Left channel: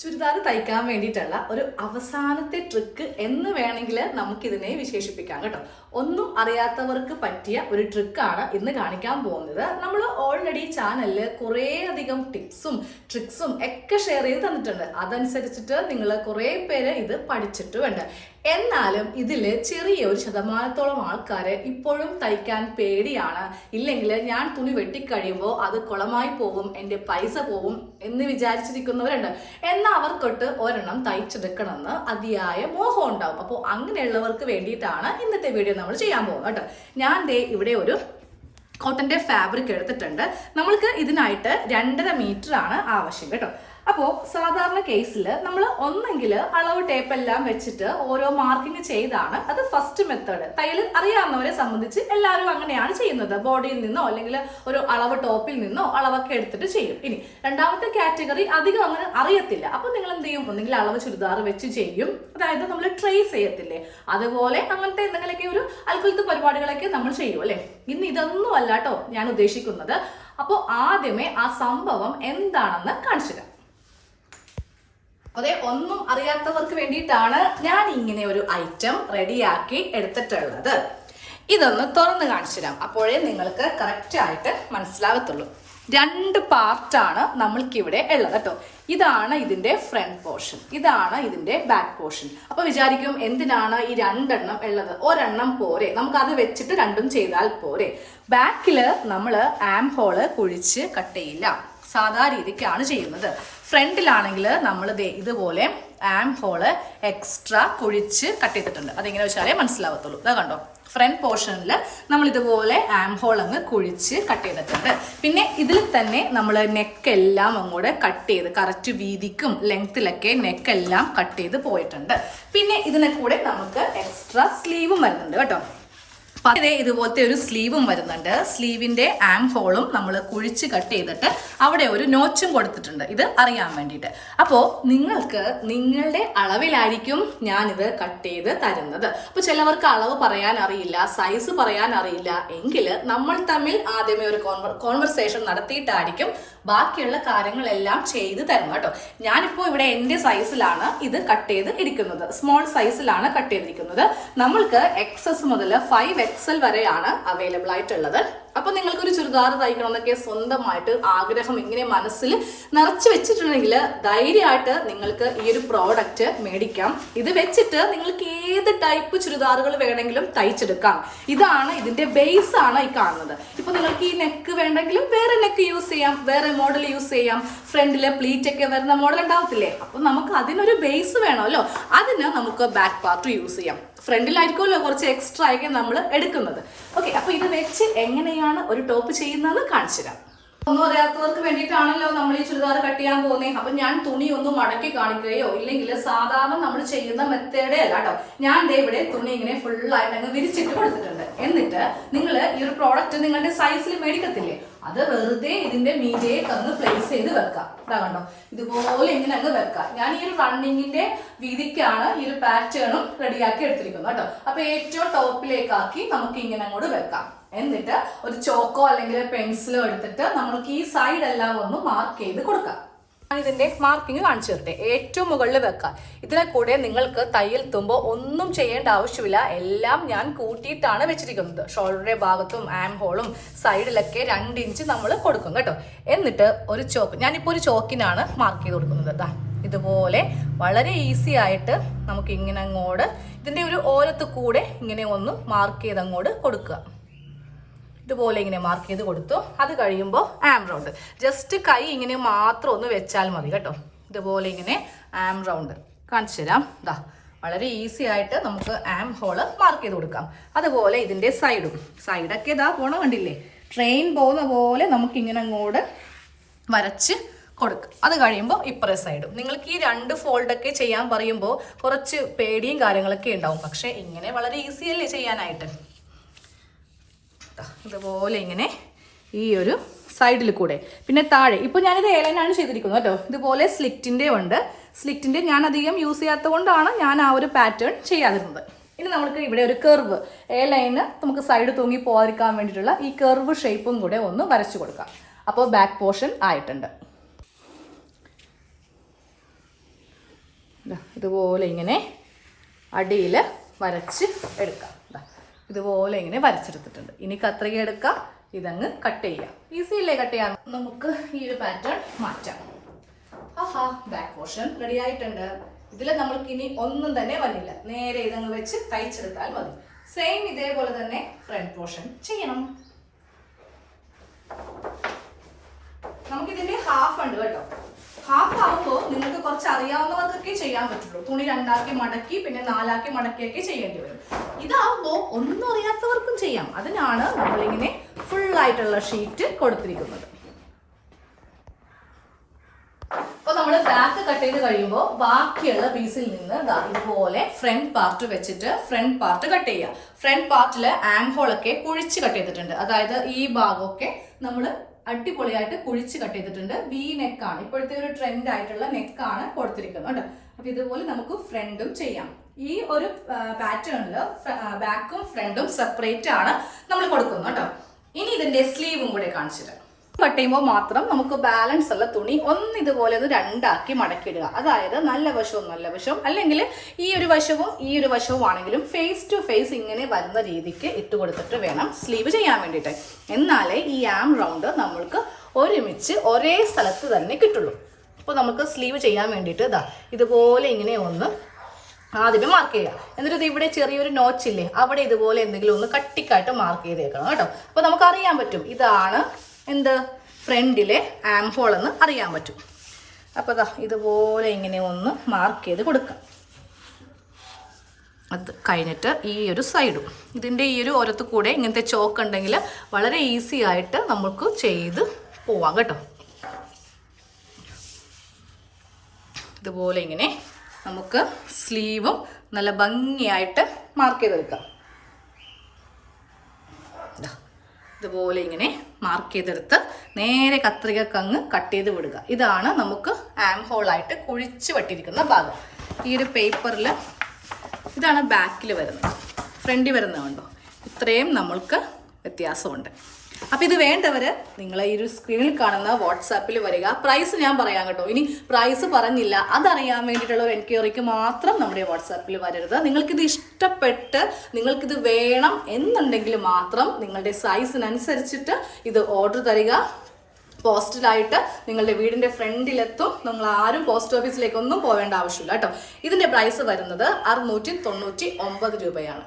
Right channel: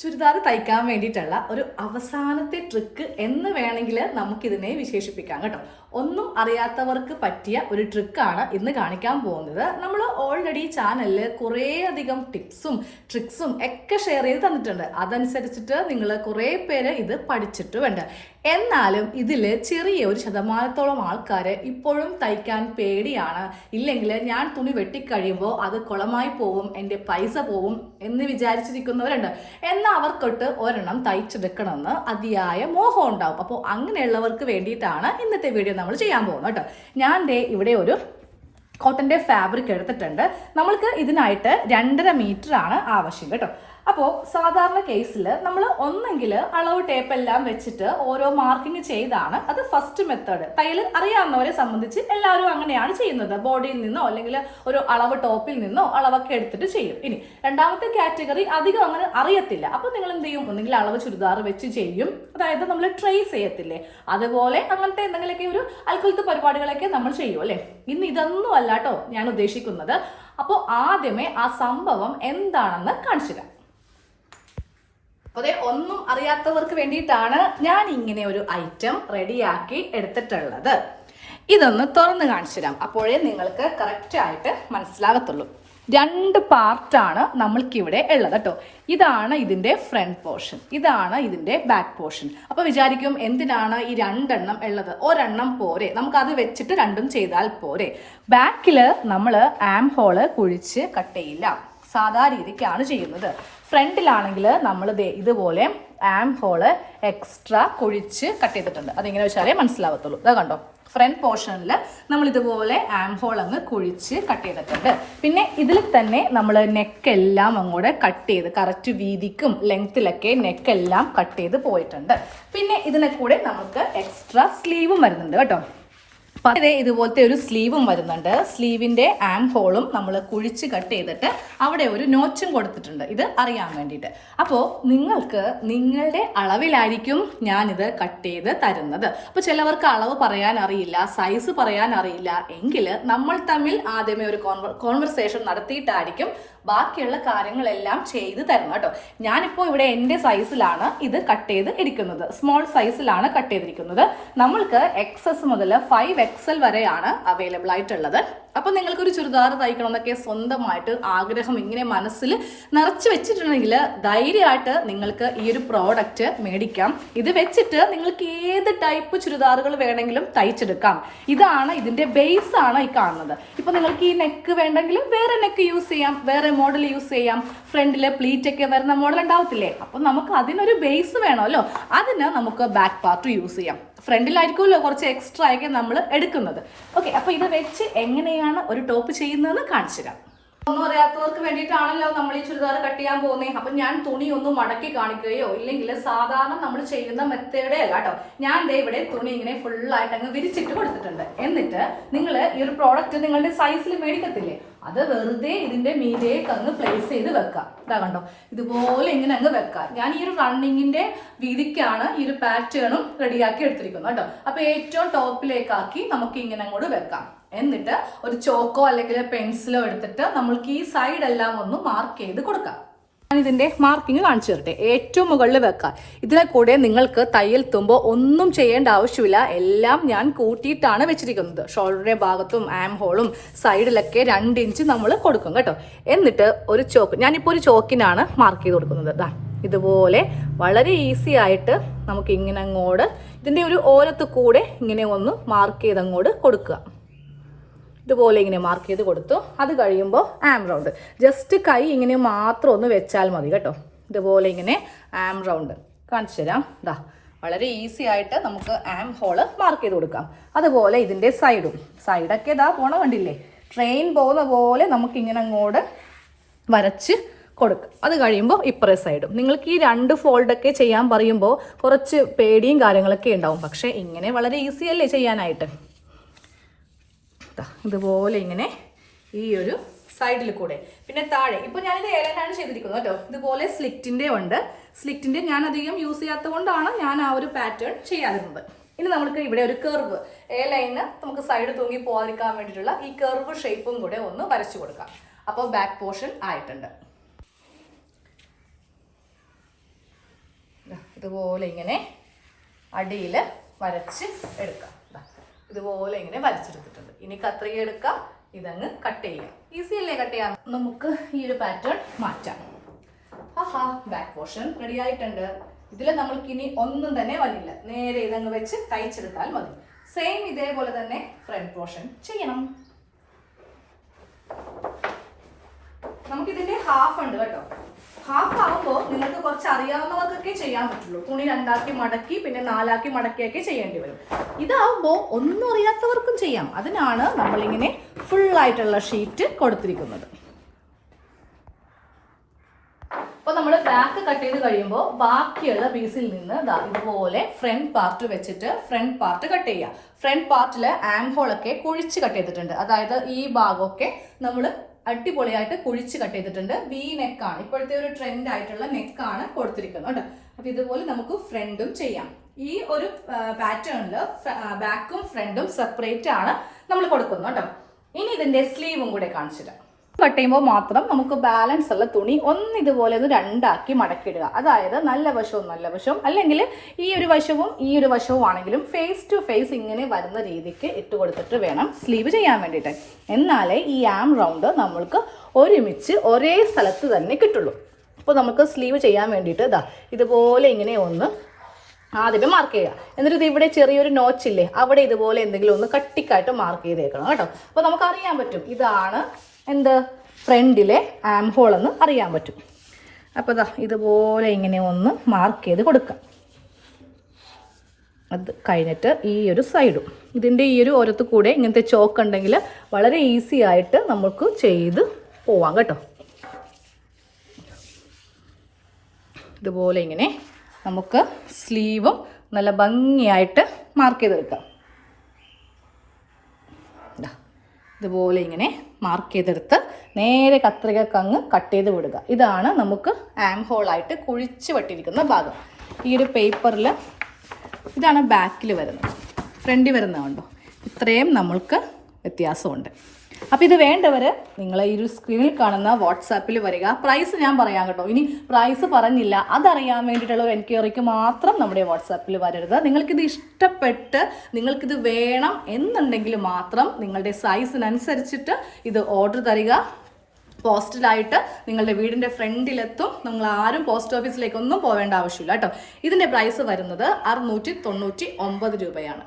ചുരിദാർ തയ്ക്കാൻ വേണ്ടിയിട്ടുള്ള ഒരു അവസാനത്തെ ട്രിക്ക് എന്ന് വേണമെങ്കിൽ നമുക്കിതിനെ വിശേഷിപ്പിക്കാം കേട്ടോ. ഒന്നും അറിയാത്തവർക്ക് പറ്റിയ ഒരു ട്രിക്കാണ് ഇന്ന് കാണിക്കാൻ പോകുന്നത്. നമ്മൾ ഓൾറെഡി ചാനലിൽ കുറേ അധികം ടിപ്സും ട്രിക്സും ഒക്കെ ഷെയർ ചെയ്ത് തന്നിട്ടുണ്ട്. അതനുസരിച്ചിട്ട് നിങ്ങൾ കുറേ പേര് ഇത് പഠിച്ചിട്ടുമുണ്ട്. എന്നാലും ഇതിൽ ചെറിയ ഒരു ശതമാനത്തോളം ആൾക്കാർ ഇപ്പോഴും തയ്ക്കാൻ പേടിയാണ്. ഇല്ലെങ്കിൽ ഞാൻ തുണി വെട്ടിക്കഴിയുമ്പോൾ അത് കുളമായി പോകും എന്റെ പൈസ പോവും എന്ന് വിചാരിച്ചിരിക്കുന്നവരുണ്ട്. എന്നാൽ അവർക്കൊട്ട് ഒരെണ്ണം തയ്ച്ചെടുക്കണമെന്ന് അതിയായ മോഹം ഉണ്ടാവും. അപ്പോൾ അങ്ങനെയുള്ളവർക്ക് വേണ്ടിയിട്ടാണ് ഇന്നത്തെ വീഡിയോ നമ്മൾ ചെയ്യാൻ പോകുന്നത് കേട്ടോ. ഞാൻ ദേ ഇവിടെ ഒരു കോട്ടന്റെ ഫാബ്രിക് എടുത്തിട്ടുണ്ട്. നമ്മൾക്ക് ഇതിനായിട്ട് രണ്ടര മീറ്റർ ആണ് ആവശ്യം കേട്ടോ. അപ്പോൾ സാധാരണ കേസിൽ നമ്മൾ ഒന്നെങ്കിൽ അളവ് ടേപ്പ് എല്ലാം വെച്ചിട്ട് ഓരോ മാർക്കിങ് ചെയ്താണ്. അത് ഫസ്റ്റ് മെത്തേഡ് തയ്യൽ അറിയാവുന്നവരെ സംബന്ധിച്ച് എല്ലാവരും അങ്ങനെയാണ് ചെയ്യുന്നത്. ബോഡിയിൽ നിന്നോ അല്ലെങ്കിൽ ഒരു അളവ് ടോപ്പിൽ നിന്നോ അളവൊക്കെ എടുത്തിട്ട് ചെയ്യും. ഇനി രണ്ടാമത്തെ കാറ്റഗറി അധികം അങ്ങനെ അറിയത്തില്ല. അപ്പോൾ നിങ്ങൾ എന്ത് ചെയ്യും? ഒന്നെങ്കിൽ അളവ് ചുരിദാർ വെച്ച് ചെയ്യും. അതായത് നമ്മൾ ട്രേസ് ചെയ്യത്തില്ലേ? അതുപോലെ അങ്ങനത്തെ എന്തെങ്കിലുമൊക്കെ ഒരു അൽക്കുലത്തെ പരിപാടികളൊക്കെ നമ്മൾ ചെയ്യും അല്ലേ? ഇന്ന് ഇതൊന്നും അല്ല. കേട്ടോ ഞാൻ ഉദ്ദേശിക്കുന്നത്. അപ്പോൾ ആദ്യമേ ആ സംഭവം എന്താണെന്ന് കാണിച്ചു തരാം അതെ ഒന്നും അറിയാത്തവർക്ക് വേണ്ടിയിട്ടാണ് ഞാൻ ഇങ്ങനെ ഒരു ഐറ്റം റെഡിയാക്കി എടുത്തിട്ടുള്ളത്. ഇതൊന്ന് തുറന്ന് കാണിച്ചു തരാം അപ്പോഴേ നിങ്ങൾക്ക് കറക്റ്റ് ആയിട്ട് മനസ്സിലാകത്തുള്ളൂ രണ്ട് പാർട്ടാണ് നമ്മൾക്കിവിടെ ഉള്ളത് കേട്ടോ. ഇതാണ് ഇതിന്റെ ഫ്രണ്ട് പോർഷൻ ഇതാണ് ഇതിന്റെ ബാക്ക് പോർഷൻ അപ്പോൾ വിചാരിക്കും എന്തിനാണ് ഈ രണ്ടെണ്ണം ഉള്ളത്? ഒരെണ്ണം പോരെ. നമുക്ക് അത് വെച്ചിട്ട് രണ്ടും ചെയ്താൽ പോരെ. ബാക്കിൽ നമ്മൾ ആം ഹോൾ കുഴിച്ച് കട്ട് ചെയ്യില്ല. സാധാ രീതിക്കാണ് ചെയ്യുന്നത്. ഫ്രണ്ടിലാണെങ്കിൽ നമ്മൾ ഇതുപോലെ ആം ഹോൾ എക്സ്ട്രാ കൊഴിച്ച് കട്ട് ചെയ്തിട്ടുണ്ട്. അതെങ്ങനെ വെച്ചാലേ മനസ്സിലാവത്തുള്ളൂ. അത് കണ്ടോ? ഫ്രണ്ട് പോർഷനിൽ നമ്മൾ ഇതുപോലെ ആം ഹോൾ അങ്ങ് കുഴിച്ച് കട്ട് ചെയ്തിട്ടുണ്ട്. പിന്നെ ഇതിൽ തന്നെ നമ്മൾ നെക്കെല്ലാം അങ്ങോട്ട് കട്ട് ചെയ്ത് കറക്റ്റ് വീതിക്കും ലെങ്ത്തിലൊക്കെ നെക്കെല്ലാം കട്ട് ചെയ്ത് പോയിട്ടുണ്ട്. പിന്നെ ഇതിനെ കൂടെ നമുക്ക് എക്സ്ട്രാ സ്ലീവും വരുന്നുണ്ട് കേട്ടോ. അതേ ഇതുപോലത്തെ ഒരു സ്ലീവും വരുന്നുണ്ട്. സ്ലീവിന്റെ ആം ഹോളും നമ്മൾ കുഴിച്ച് കട്ട് ചെയ്തിട്ട് അവിടെ ഒരു നോച്ചും കൊടുത്തിട്ടുണ്ട്. ഇത് അറിയാൻ വേണ്ടിയിട്ട്. അപ്പോൾ നിങ്ങൾക്ക് നിങ്ങളുടെ അളവിലായിരിക്കും ഞാനിത് കട്ട് ചെയ്ത് തരുന്നത്. അപ്പോൾ ചിലവർക്ക് അളവ് പറയാൻ അറിയില്ല സൈസ് പറയാൻ അറിയില്ല എങ്കിൽ നമ്മൾ തമ്മിൽ ആദ്യമേ ഒരു കോൺവെർസേഷൻ നടത്തിയിട്ടായിരിക്കും ബാക്കിയുള്ള കാര്യങ്ങളെല്ലാം ചെയ്ത് തരണം കേട്ടോ. ഞാനിപ്പോൾ ഇവിടെ എന്റെ സൈസിലാണ് ഇത് കട്ട് ചെയ്ത് ഇരിക്കുന്നത് സ്മോൾ സൈസിലാണ് കട്ട് ചെയ്തിരിക്കുന്നത്. നമ്മൾക്ക് എക്സസ് മുതൽ ഫൈവ് എക്സൽ വരെയാണ് അവൈലബിൾ ആയിട്ടുള്ളത്. അപ്പോൾ നിങ്ങൾക്ക് ഒരു ചുരിദാർ തയ്ക്കണം എന്നൊക്കെ സ്വന്തമായിട്ട് ആഗ്രഹം ഇങ്ങനെ മനസ്സിൽ നിറച്ചു വെച്ചിട്ടുണ്ടെങ്കിൽ ധൈര്യമായിട്ട് നിങ്ങൾക്ക് ഈ ഒരു പ്രോഡക്റ്റ് മേടിക്കാം. ഇത് വെച്ചിട്ട് നിങ്ങൾക്ക് ഏത് ടൈപ്പ് ചുരിദാറുകൾ വേണമെങ്കിലും തയ്ച്ചെടുക്കാം. ഇതാണ് ഇതിന്റെ ബേസ് ആണ് ഈ കാണുന്നത്. ഇപ്പൊ നിങ്ങൾക്ക് ഈ നെക്ക് വേണ്ടെങ്കിലും വേറെ നെക്ക് യൂസ് ചെയ്യാം വേറെ മോഡൽ യൂസ് ചെയ്യാം. ഫ്രണ്ടിൽ പ്ലീറ്റ് ഒക്കെ വരുന്ന മോഡൽ ഉണ്ടാവത്തില്ലേ? അപ്പൊ നമുക്ക് അതിനൊരു ബേസ് വേണമല്ലോ. അതിന് നമുക്ക് ബാക്ക് പാർട്ട് യൂസ് ചെയ്യാം. ഫ്രണ്ടിലായിരിക്കുമല്ലോ കുറച്ച് എക്സ്ട്രാ ഒക്കെ നമ്മൾ എടുക്കുന്നത്. ഓക്കെ അപ്പൊ ഇത് വെച്ച് എങ്ങനെയാണ് ഒരു ടോപ്പ് ചെയ്യുന്നതെന്ന് കാണിച്ചു തരാം. ഒന്നും അറിയാത്തവർക്ക് വേണ്ടിയിട്ടാണല്ലോ നമ്മൾ ഈ ചുരിദാർ കട്ട് ചെയ്യാൻ പോകുന്നത് അപ്പൊ ഞാൻ തുണി ഒന്ന് മടക്കി കാണിക്കുകയോ ഇല്ലെങ്കിൽ സാധാരണ നമ്മൾ ചെയ്യുന്ന മെത്തേഡേ അല്ല കേട്ടോ. ഞാൻ ദേ ഇവിടെ തുണി ഇങ്ങനെ ഫുൾ ആയിട്ട് അങ്ങ് വിരിച്ചിട്ട് കൊടുത്തിട്ടുണ്ട്. എന്നിട്ട് നിങ്ങൾ ഈ ഒരു പ്രോഡക്റ്റ് നിങ്ങളുടെ സൈസിൽ മേടിക്കത്തില്ലേ? അത് വെറുതെ ഇതിന്റെ മീതേക്ക് അങ്ങ് പ്ലേസ് ചെയ്ത് വെക്കാം. ഇതാ കണ്ടോ? ഇതുപോലെ ഇങ്ങനെ അങ്ങ് വെക്കാം. ഞാൻ ഈ ഒരു റണ്ണിങ്ങിന്റെ വീതിക്കാണ് ഈ ഒരു പാറ്റേണും റെഡിയാക്കി എടുത്തിരിക്കുന്നത് കേട്ടോ. അപ്പൊ ഏറ്റവും ടോപ്പിലേക്കാക്കി നമുക്ക് ഇങ്ങനെ അങ്ങോട്ട് വെക്കാം. എന്നിട്ട് ഒരു ചോക്കോ അല്ലെങ്കിൽ പെൻസിലോ എടുത്തിട്ട് നമ്മൾക്ക് ഈ സൈഡ് എല്ലാം ഒന്ന് മാർക്ക് ചെയ്ത് കൊടുക്കാം. ഇതിന്റെ മാർക്കിങ് കാണിച്ചു തരട്ടെ. ഏറ്റവും മുകളിൽ വെക്കാം. ഇതിനെ കൂടെ നിങ്ങൾക്ക് തയ്യൽ തുമ്പോ ഒന്നും ചെയ്യേണ്ട ആവശ്യമില്ല. എല്ലാം ഞാൻ കൂട്ടിയിട്ടാണ് വെച്ചിരിക്കുന്നത്. ഷോൾഡറിന്റെ ഭാഗത്തും ആം ഹോളും സൈഡിലൊക്കെ രണ്ട് ഇഞ്ച് നമ്മൾ കൊടുക്കും കേട്ടോ. എന്നിട്ട് ഒരു ചോക്ക് ഞാനിപ്പോൾ ഒരു ചോക്കിനാണ് മാർക്ക് ചെയ്ത് കൊടുക്കുന്നത്. ഇതാ ഇതുപോലെ വളരെ ഈസി ആയിട്ട് നമുക്ക് ഇങ്ങനെ അങ്ങോട്ട് ഇതിന്റെ ഒരു ഓരത്ത് കൂടെ ഇങ്ങനെ ഒന്ന് മാർക്ക് ചെയ്ത് അങ്ങോട്ട് കൊടുക്കുക. ഇതുപോലെ ഇങ്ങനെ മാർക്ക് ചെയ്ത് കൊടുത്തു. അത് കഴിയുമ്പോൾ ആം റൗണ്ട് ജസ്റ്റ് കൈ ഇങ്ങനെ മാത്രം ഒന്ന് വെച്ചാൽ മതി കേട്ടോ. ഇതുപോലെ ഇങ്ങനെ ആം റൗണ്ട് കാണിച്ചു തരാം. ഇതാ വളരെ ഈസി ആയിട്ട് നമുക്ക് ആം ഹോൾ മാർക്ക് ചെയ്ത് കൊടുക്കാം. അതുപോലെ ഇതിന്റെ സൈഡും സൈഡൊക്കെ ഇതാ പോണ കണ്ടില്ലേ? ട്രെയിൻ പോകുന്ന പോലെ നമുക്ക് ഇങ്ങനെ അങ്ങോട്ട് വരച്ച് കൊടുക്കുക അത് കഴിയുമ്പോൾ ഇപ്പറേ സൈഡും നിങ്ങൾക്ക് ഈ രണ്ട് ഫോൾഡൊക്കെ ചെയ്യാൻ പറയുമ്പോൾ കുറച്ച് പേടിയും കാര്യങ്ങളൊക്കെ ഉണ്ടാവും. പക്ഷേ ഇങ്ങനെ വളരെ ഈസി അല്ലേ ചെയ്യാനായിട്ട്? ഇതുപോലെ ഇങ്ങനെ ഈ ഒരു സൈഡിൽ കൂടെ. പിന്നെ താഴെ ഇപ്പോൾ ഞാനിത് ഏലനാണ് ചെയ്തിരിക്കുന്നത് കേട്ടോ. ഇതുപോലെ സ്ലിറ്റിന്റെ ഉണ്ട്. സ്ലിറ്റിന്റെ ഞാൻ അധികം യൂസ് ചെയ്യാത്തത് കൊണ്ടാണ് ഞാൻ ആ ഒരു പാറ്റേൺ ചെയ്യാതിരുന്നത്. ഇനി നമുക്ക് ഇവിടെ ഒരു കർവ് എ ലൈന് നമുക്ക് സൈഡ് തൂങ്ങി പോകാതിരിക്കാൻ വേണ്ടിയിട്ടുള്ള ഈ കർവ് ഷേപ്പും കൂടെ ഒന്ന് വരച്ചു കൊടുക്കാം. അപ്പോൾ ബാക്ക് പോർഷൻ ആയിട്ടുണ്ട്. ഇതുപോലെ ഇങ്ങനെ അടിയിൽ വരച്ച് എടുക്കാം. ഇതുപോലെ ഇങ്ങനെ വരച്ചെടുത്തിട്ടുണ്ട്. ഇനി കത്രിക എടുക്കാം. ഇതങ്ങ് കട്ട് ചെയ്യാം. ഈസി അല്ലേ കട്ട് ചെയ്യാം നമുക്ക് ഈ ഒരു പാറ്റേൺ മാറ്റാം. ആഹാ ബാക്ക് പോർഷൻ റെഡി ആയിട്ടുണ്ട്. ഇതിൽ നമ്മൾക്ക് ഇനി ഒന്നും തന്നെ വന്നില്ല നേരെ ഇതങ്ങ് വെച്ച് തയ്ച്ചെടുത്താൽ മതി. സെയിം ഇതേപോലെ തന്നെ ഫ്രണ്ട് പോർഷൻ ചെയ്യണം നമുക്കിതിന്റെ ഹാഫ് ഉണ്ട് കേട്ടോ ഹാഫ് ആവുമ്പോൾ നിങ്ങൾക്ക് കുറച്ച് അറിയാവുന്നവർക്കൊക്കെ ചെയ്യാൻ പറ്റുള്ളൂ. തുണി രണ്ടാക്കി മടക്കി പിന്നെ നാലാക്കി മടക്കിയൊക്കെ ചെയ്യേണ്ടി വരും. ഇതാകുമ്പോൾ ഒന്നും അറിയാത്തവർക്കും ചെയ്യാം. അതിനാണ് നമ്മളിങ്ങനെ ഫുൾ ആയിട്ടുള്ള ഷീറ്റ് കൊടുത്തിരിക്കുന്നത്. അപ്പൊ നമ്മൾ ബാക്ക് കട്ട് ചെയ്ത് കഴിയുമ്പോൾ ബാക്കിയുള്ള പീസിൽ നിന്ന് ഇതുപോലെ ഫ്രണ്ട് പാർട്ട് വെച്ചിട്ട് ഫ്രണ്ട് പാർട്ട് കട്ട് ചെയ്യുക ഫ്രണ്ട് പാർട്ടിൽ ആംഹോൾ ഹോളൊക്കെ കുഴിച്ച് കട്ട് ചെയ്തിട്ടുണ്ട്. അതായത് ഈ ഭാഗമൊക്കെ നമ്മൾ അടിപൊളിയായിട്ട് കുഴിച്ച് കട്ട് ചെയ്തിട്ടുണ്ട്. വി നെക്കാണ് ഇപ്പോഴത്തെ ഒരു ട്രെൻഡ് ആയിട്ടുള്ള നെക്കാണ് കൊടുത്തിരിക്കുന്നത്. കേട്ടോ അപ്പൊ ഇതുപോലെ നമുക്ക് ഫ്രണ്ടും ചെയ്യാം. ഈ ഒരു പാറ്റേണിൽ ബാക്കും ഫ്രണ്ടും സെപ്പറേറ്റ് ആണ് നമ്മൾ കൊടുക്കുന്നത് കേട്ടോ. ഇനി ഇതിന്റെ സ്ലീവും കൂടെ കാണിച്ചു തരാം മാത്രം നമുക്ക് ബാലൻസ് ഉള്ള തുണി ഒന്ന് ഇതുപോലെ ഒന്ന് രണ്ടാക്കി മടക്കിയിടുക. അതായത് നല്ല വശവും നല്ല വശവും. അല്ലെങ്കിൽ ഈ ഒരു വശവും ഈ ഒരു വശവും ആണെങ്കിലും ഫേസ് ടു ഫേസ് ഇങ്ങനെ വരുന്ന രീതിക്ക് ഇട്ട് കൊടുത്തിട്ട് വേണം സ്ലീവ് ചെയ്യാൻ വേണ്ടിയിട്ട്. എന്നാലേ ഈ ആം റൗണ്ട് നമ്മൾക്ക് ഒരുമിച്ച് ഒരേ സ്ഥലത്ത് തന്നെ കിട്ടുള്ളൂ. അപ്പോൾ നമുക്ക് സ്ലീവ് ചെയ്യാൻ വേണ്ടിയിട്ട് ഇതാ ഇതുപോലെ ഇങ്ങനെ ഒന്ന് ആദ്യം മാർക്ക് ചെയ്യുക എന്നിട്ട് ഇത് ഇവിടെ ചെറിയൊരു നോച്ചില്ലേ അവിടെ ഇതുപോലെ എന്തെങ്കിലും ഒന്ന് കട്ടിക്കായിട്ട് മാർക്ക് ചെയ്തേക്കണം കേട്ടോ. അപ്പോൾ നമുക്ക് അറിയാൻ പറ്റും. ഇതാണ് എന്ത്? ഫ്രണ്ടിലെ ആം ഹോൾ എന്ന് അറിയാൻ പറ്റും. അപ്പോൾ ഇതാ ഇതുപോലെ ഇങ്ങനെ ഒന്ന് മാർക്ക് ചെയ്ത് കൊടുക്കാം. അത് കഴിഞ്ഞിട്ട് ഈ ഒരു സൈഡും ഇതിന്റെ ഈ ഒരു ഓരത്ത് കൂടെ ഇങ്ങനത്തെ ചോക്ക് ഉണ്ടെങ്കിൽ വളരെ ഈസി ആയിട്ട് നമുക്ക് ചെയ്ത് പോവാം കേട്ടോ. ഇതുപോലെ ഇങ്ങനെ നമുക്ക് സ്ലീവും നല്ല ഭംഗിയായിട്ട് മാർക്ക് ചെയ്ത് വെക്കാം. ഇതുപോലെ ഇങ്ങനെ മാർക്ക് ചെയ്തെടുത്ത് നേരെ കത്രിക കങ്ങ് കട്ട് ചെയ്ത് വിടുക. ഇതാണ് നമുക്ക് ആം ഹോളായിട്ട് കുഴിച്ച് വെട്ടിയിരിക്കുന്ന ഭാഗം. ഈ ഒരു പേപ്പറിൽ ഇതാണ് ബാക്കിൽ വരുന്നത്. ഫ്രണ്ടിൽ വരുന്നതുണ്ടോ ഇത്രയും നമ്മൾക്ക് വ്യത്യാസമുണ്ട്. അപ്പോൾ ഇത് വേണ്ടവർ നിങ്ങൾ ഈ ഒരു സ്ക്രീനിൽ കാണുന്ന വാട്സാപ്പിൽ വരിക. പ്രൈസ് ഞാൻ പറയാം കേട്ടോ. ഇനി പ്രൈസ് പറഞ്ഞില്ല. അതറിയാൻ വേണ്ടിയിട്ടുള്ള ഒരു എൻക്വയറിക്ക് മാത്രം നമ്മുടെ വാട്സാപ്പിൽ വരരുത്. നിങ്ങൾക്കിത് ഇഷ്ടപ്പെട്ട് നിങ്ങൾക്കിത് വേണം എന്നുണ്ടെങ്കിൽ മാത്രം നിങ്ങളുടെ സൈസിനനുസരിച്ചിട്ട് ഇത് ഓർഡർ തരിക. പോസ്റ്റലായിട്ട് നിങ്ങളുടെ വീടിന്റെ ഫ്രണ്ടിലെത്തും നിങ്ങൾ ആരും പോസ്റ്റ് ഓഫീസിലേക്കൊന്നും പോവേണ്ട ആവശ്യമില്ല കേട്ടോ. ഇതിന്റെ പ്രൈസ് വരുന്നത് അറുന്നൂറ്റി തൊണ്ണൂറ്റി ഒമ്പത് രൂപയാണ്.